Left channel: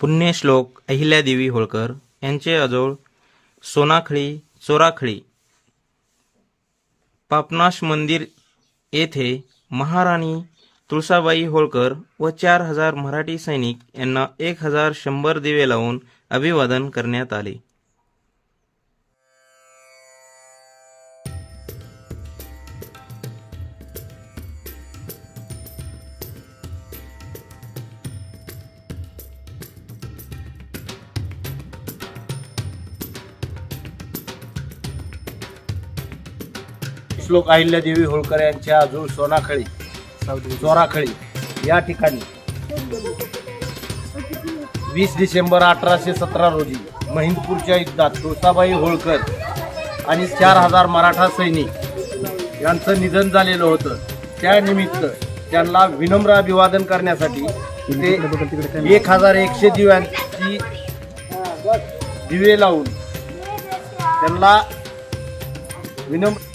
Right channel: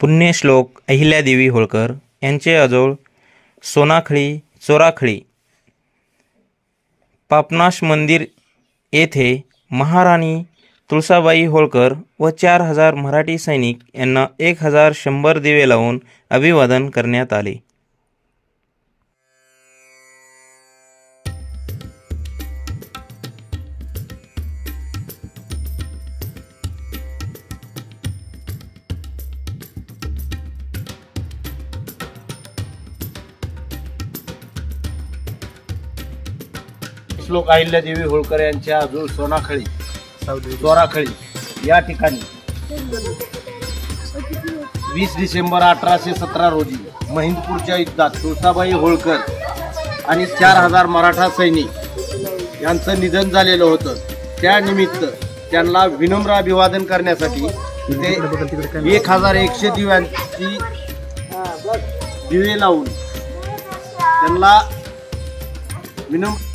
पुण्यश्लोक अहिल्यादेवी होळकर यांचे आजोळ चोराखळी पापनाश मंदिर येथे महाराणी तुळसाबाई होळकर व 4000 मराठी सैनिक यांना 1100 दिवे लावून अभिवादन करण्यात आले। श्लोक अहिल्यादेवी होळकर यांच्या आजोळ चोराखळी या ठिकाणी 20 डिसेंबर 1817 रोजी महिंदपूरच्या युद्धात तुळसाबाई होळकर आणि 4000 मराठा सैनिक यांचं निधन झालेलं होतं। त्यानिमित्त त्यांना विनम्र अभिवादन करण्यासाठी 1100 दिव्यांची दिवे लावून त्यांना विनम्र